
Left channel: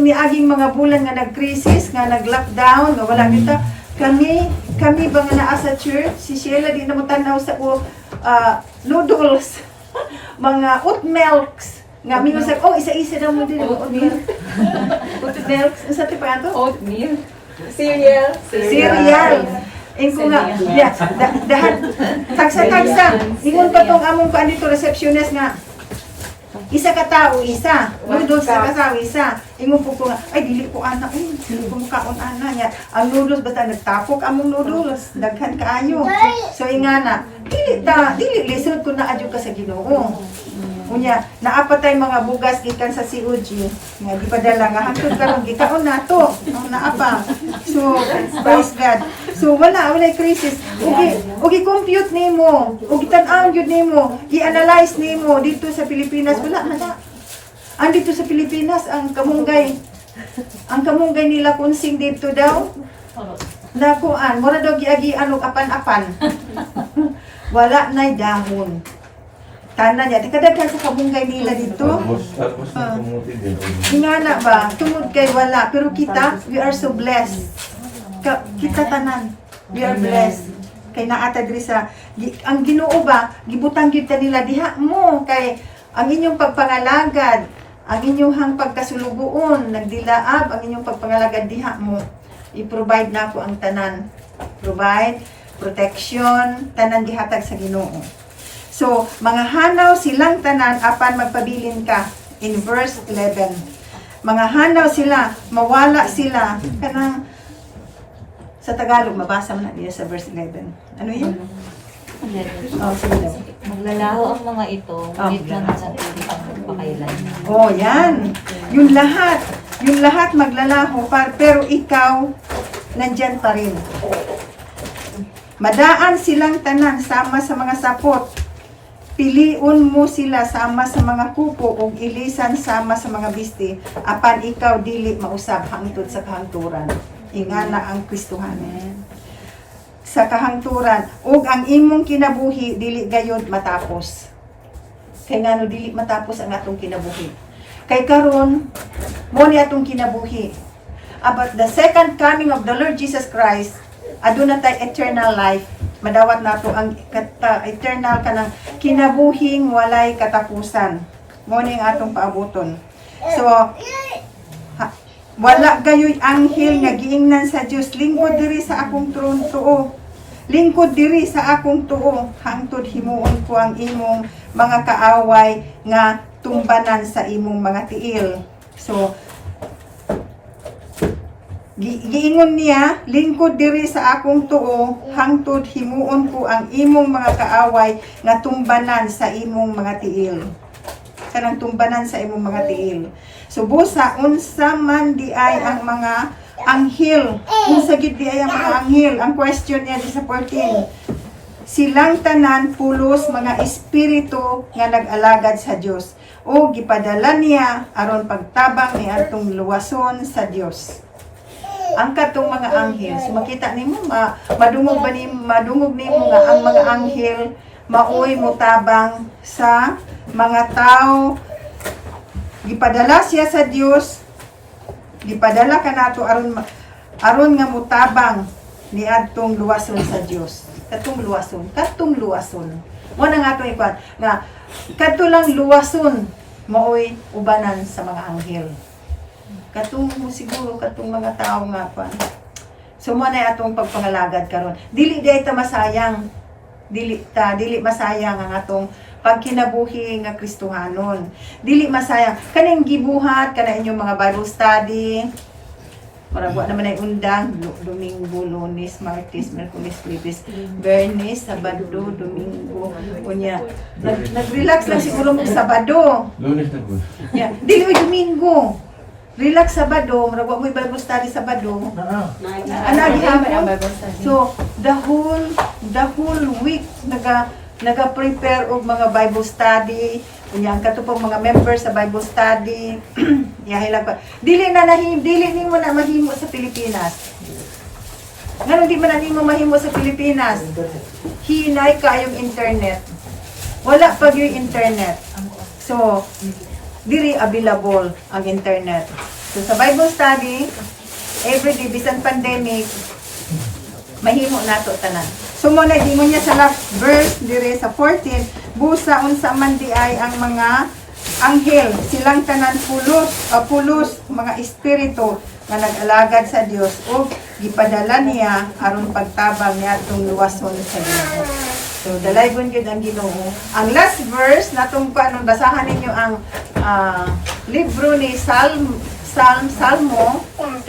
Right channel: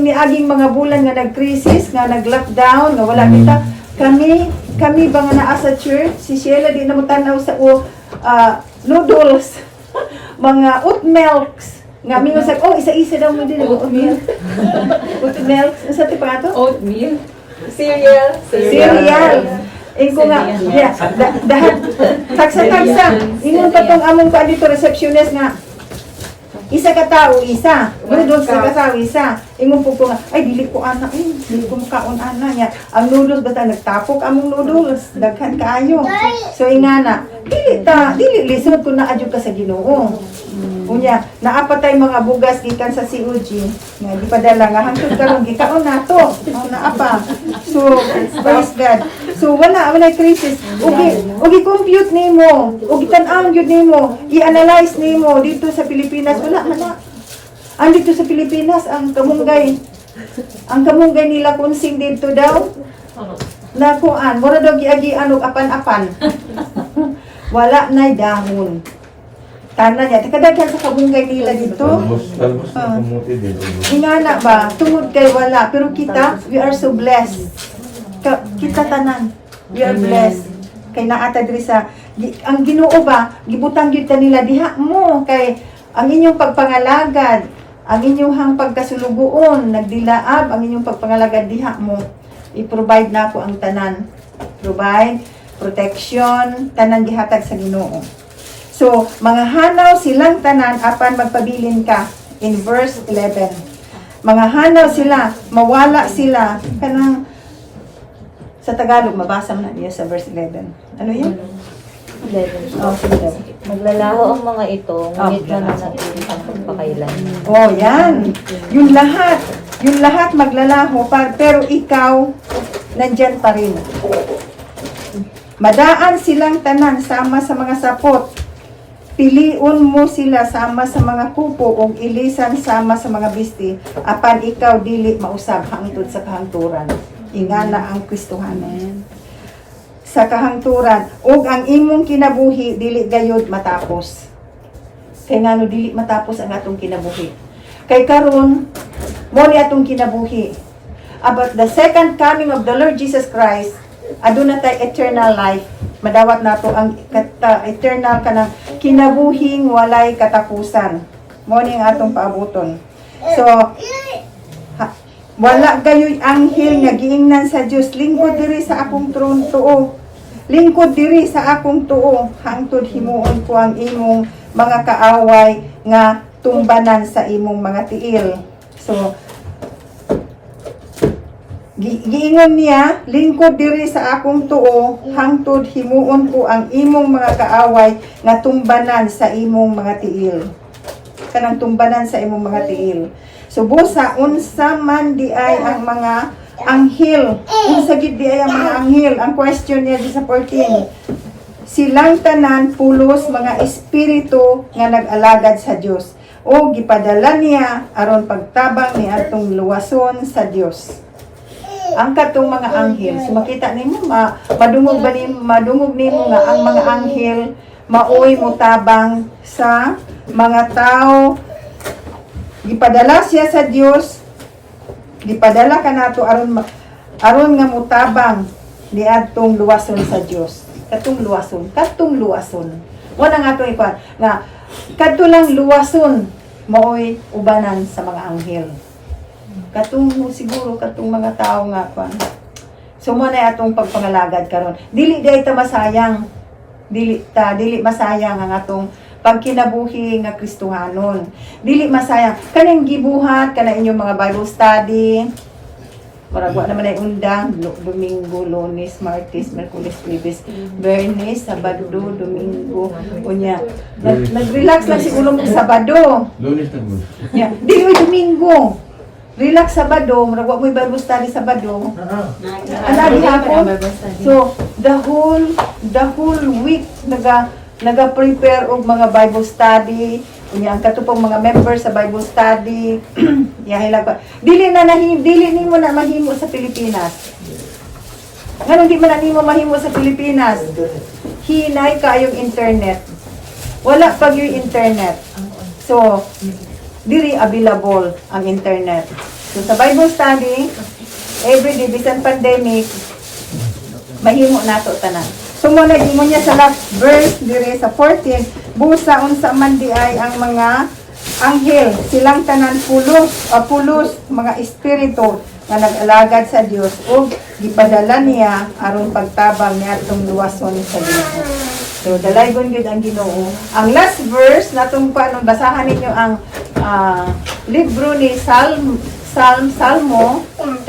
niaging mga bulan nga nag-crisis, nga nag-lockdown, nga wala kita, kami ba nga naa sa church, si Sheila di na mo tanaw sa noodles, mga oat milks, nga mingon sa, isa-isa daw mo din, oat milk, oat milks, sa tipa ito? Oatmeal. Cereal. Ko nga, dahil, tagsa, ingon pa tong among pa dito, receptionist nga, isa ka tao, isa. Noodles ka tao, isa. Ingon po ko nga, ay, dili ko ana, dili ko makaon ana niya. Ang noodles, basta nagtapok among noodles, daghan kaayo. So, ingana, dili lisod kung naadyo ka sa Ginoo. Unya, naapatay mga bugas gikan sa COG. Nga, di padala nga, hangtod karon gikaon nato. Naapa. So, praise God. So, wala crisis. Ugi compute nimo, ugi tan-aw gyud nimo, i-analyze nimo dito sa Pilipinas, wala. Ang dito sa Pilipinas, ang kamunggay nila kunsing dito daw, na kuan, mura daw giagian og apan-apan. Wala nay dahon. Tanan niya, kadaghan sa kabunggay nila dito. Ingana ba, tungod kay wala, pero kita, we are so blessed. Kita tanan, we are blessed. Kay naata diri sa ang Ginoo ba, gibutang gyud ta nila diha mo kay ang inyong pagpangalagad, ang inyong pagkasulugoon, nagdilaab ang inyong pagpangalagad diha mo. I-provide nako ang tanan. Provide protection, tanan gihatag sa Ginoo. So, mga hanaw silang tanan apan magpabilin ka in verse 11. Mga hanaw sila, mawala sila kanang sa Tagalog mabasa mo na niya sa verse 11. Ano 'yun? 11. Oh, sige daw. Maglalaho ang mga ito, ngunit mananatili sa pagpakailanman. Oh, yan. Yung lahat maglalaho, pero ikaw, nandyan pa rin. Madaan silang tanan, sama sa mga sapot. Piliun mo sila sama sa mga kupo ug ilisan sama sa mga bisti apan ikaw dili mausab hangtod sa kahangturan. Ingana ang Kristohanon. Sa kahangturan ug ang imong kinabuhi dili gayud matapos. Kay ngano dili matapos ang atong kinabuhi. Kay karon mo ni atong kinabuhi. About the second coming of the Lord Jesus Christ, aduna tay eternal life. Madawat nato ang eternal kanang kinabuhing walay katapusan. Mo ni ang atong paabuton. So wala kayo'y anghel nga giingnan sa Dios, lingkod diri sa akong trono tuo. Lingkod diri sa akong tuo, hangtod himuon ko ang imong mga kaaway nga tumbanan sa imong mga tiil. So giingon niya, lingkod diri sa akong tuo, hangtod himuon ko ang imong mga kaaway nga tumbanan sa imong mga tiil. Kanang tumbanan sa imong mga tiil. So busa unsa man di ay ang mga anghel, unsa gid di ay ang mga anghel. Ang question niya di sa 14. Silang tanan pulos mga espiritu nga nag-alagad sa Dios o gipadala niya aron pagtabang ni atong luwason sa Dios. Ang katong mga anghel, so makita nimo madungog nimo nga ang mga anghel maoy mutabang sa mga tao. Gipadala siya sa Dios, gipadala kanato aron nga mutabang ni adtong luwason sa Dios. Katong luwason. Wala nga atong ikuan nga kadto lang luwason maoy ubanan sa mga anghel. Katong siguro katong mga tao nga kwan. So mo na atong pagpangalagad karon. Dili ta masayang. Dili masayang ang atong pagkinabuhi nga Kristohanon. Dili masayang kaning gibuhat kana inyong mga Bible study. Maragwa naman ay undang Domingo, Lunes, Martes, Miyerkules, Jueves, Biyernes, Sabado, Domingo, unya. Nag-relax lang siguro ng Sabado. Lunes na po. Yeah, dili Domingo. Relax Sabado, maragwa mo Bible study Sabado. Ana gihapon. So, the whole week naga-prepare og mga Bible study. Unya ang katupong mga members sa Bible study. Yahilag pa. Dili nimo na mahimo sa Pilipinas. Ngano di man nimo mahimo sa Pilipinas? Hinay kayong internet. Wala pa yung internet. So, diri available ang internet. So sa Bible study, everyday bisan pandemic, mahimo nato tanan. So mo nag-ingon niya sa last verse diri sa 14, busa unsa man di ay ang mga anghel, silang tanan pulos mga espiritu nga nag-alagad sa Dios ug gipadala niya aron pagtabang niya atong luwason sa Ginoo. So dalaygon gyud ang Ginoo. Ang last verse natong paano basahan ninyo ang libro ni Salmo 34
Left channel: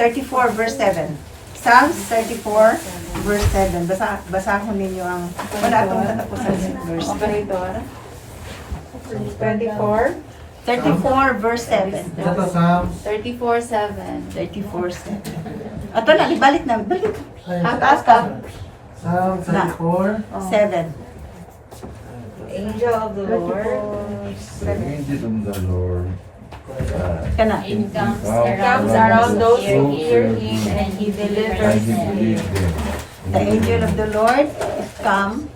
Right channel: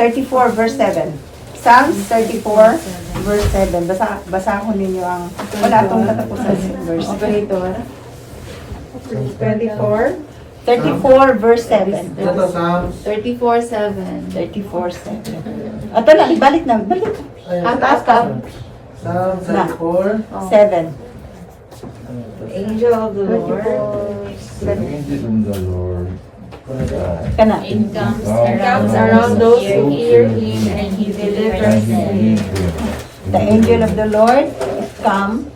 verse 7. Psalms 34 verse 7. Basahon ninyo ang wala atong katapusan sa verse. Operator. 24. 34 verse 7. Ito Psalms 34:7. 34:7. Ato na ibalik na, balik. Taas ka. Psalms 34. 7. Angel of the Lord. Angel of the Lord. Kana. Encamps Comes around those who fear him and he delivers them. The angel of the Lord come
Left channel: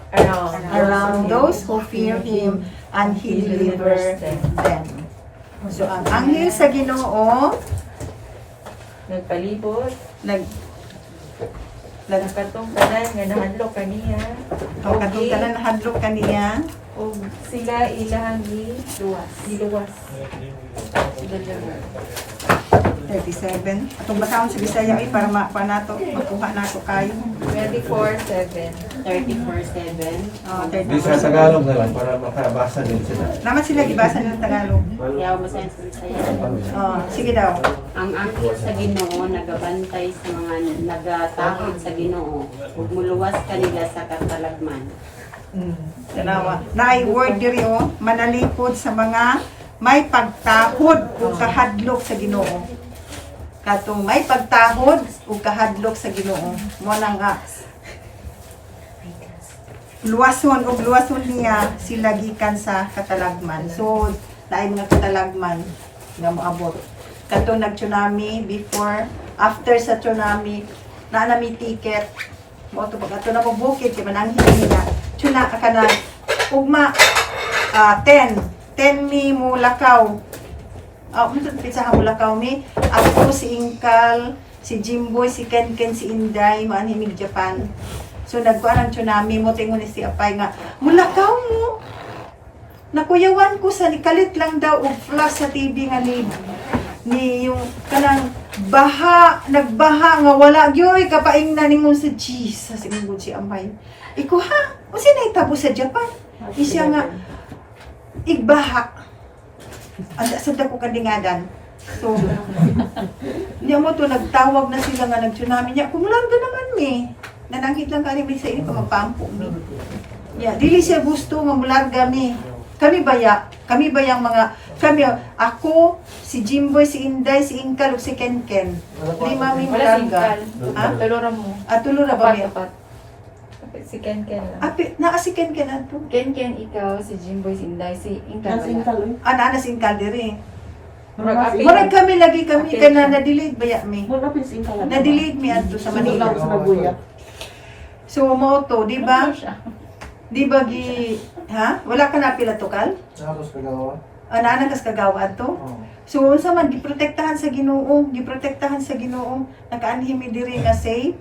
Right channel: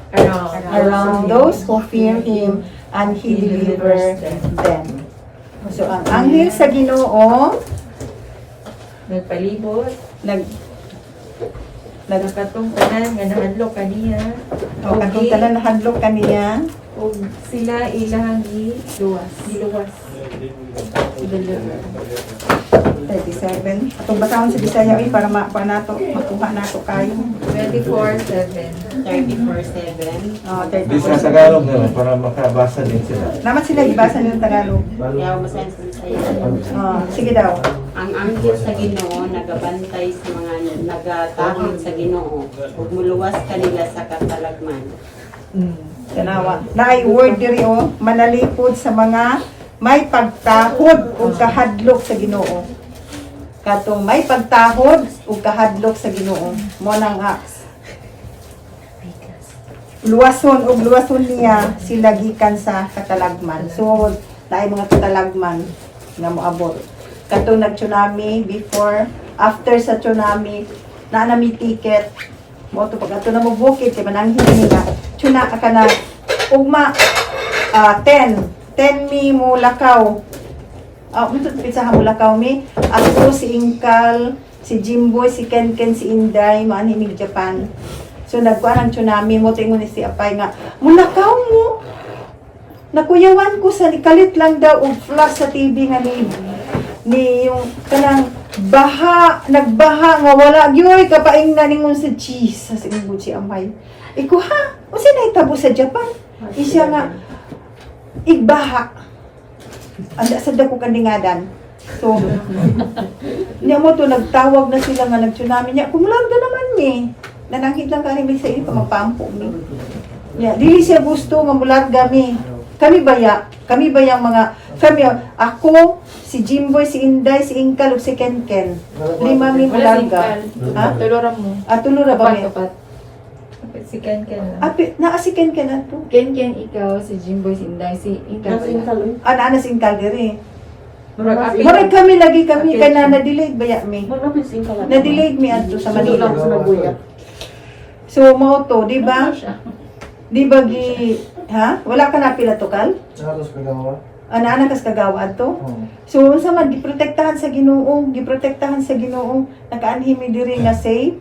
around those who fear him and he delivers them. So ang anghel sa Ginoo Nagpalibot. nag Katong tanan nga nahadlok kaniya. katong tanan nahadlok kaniya. O sila ilahang giluwas. 37. Atong basahon sa Bisaya para makuha nato kayo. 24:7. 34:7. Oh, Di sa 34. Tagalog na lang para makabasa din sila. Naman sila gibasa ng Tagalog. Kaya masayan sa Bisaya. Sige daw. Ang anghel sa Ginoo nagabantay sa mga nagatahod sa Ginoo ug muluwas kanila sa katalagman. Tanawa. Naay word diri manalipod sa mga may pagtahod o kahadlok sa Ginoo. Katong may pagtahod o kahadlok sa Ginoo. Mo nang luwason niya sila gikan sa katalagman. So, naay mga katalagman nga moabot. Katong nag-tsunami before, after sa tsunami, na nami ticket. Mo to pag ato na mo bukid kay mananghid nila. Tuna ka na ugma 10 mi mo lakaw. Unsa pizza mo lakaw mi? Ako si Inkal, si Jimboy, si Ken, si Inday, manhimig Japan. So nagkuan ang tsunami mo tingon ni si Apay nga, mulakaw mo. Nakuyawan ko sa ikalit lang daw og flash sa TV nga ni yung kanang nagbaha nga wala gyoy kapaing na ningon sa cheese sa singod si Amay. Iko ha, unsa na itabo sa Japan? Isya nga igbaha. Anda sa dako kandingadan. So niya mo to nagtawag na sila nga nag-tsunami niya. Kumularga naman ni. Nanangkit lang kami sa iyo magpampo mi. Ya, dili siya gusto nga mularga mi. Kami baya mga ako, si Jimboy, si Inday, si Inkal, ug si Ken. 5 mi mularga. Ha? Tulura mo. Tulura ba mi? Tapat. Si Ken. Naa si Ken ato. Ken, ikaw, si Jimboy, si Inday, si Inkal. Naa si Inkal diri. Murag Murag kami lagi kay na na-delayed baya mi. Na-delayed mi adto sa Manila. So mo to, di ba? Di ba wala ka na pila tukal? Halos kagawa. Ana kas kagawa to. So unsa man giprotektahan sa Ginoo, nakaanhi mi diri nga safe.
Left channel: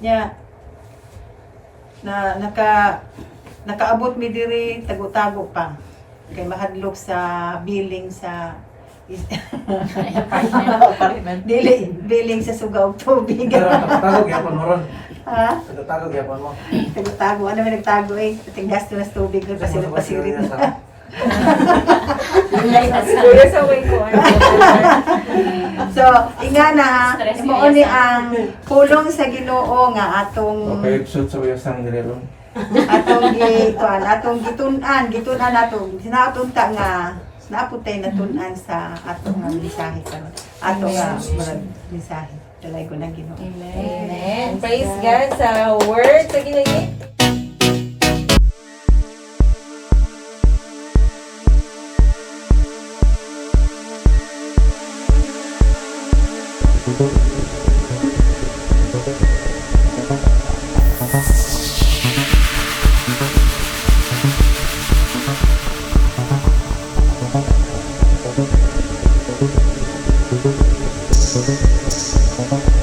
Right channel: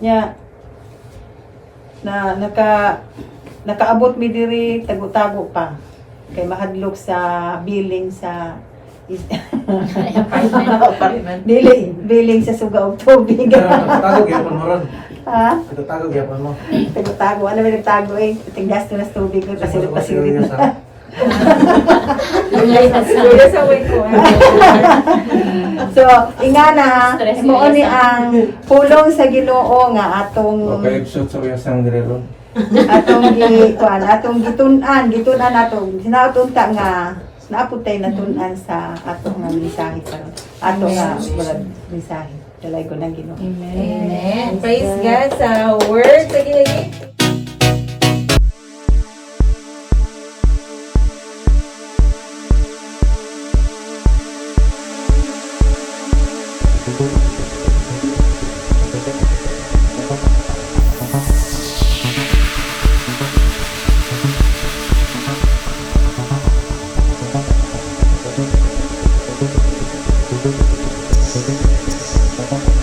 Nya na nakaabot mi diri tago-tago pa kay mahadlok sa billing sa billing sa suga og tubig. Tago gyud mo ron. Ha? Tago gyud mo. Tago-tago. Ano may nagtago eh? Tinggas to na sa tubig ko. Pasirit-pasirit na. So, ingana, mo ni ang pulong sa Ginoo nga atong Makaipsot sa wiyasang direron. atong gitunan atong sinatunta nga naaputay na tunan sa atong nga mensahe karon. Atong nga mensahe. Dalay ko ng Ginoo. Amen. Praise God sa word sa ginagit. Thank you.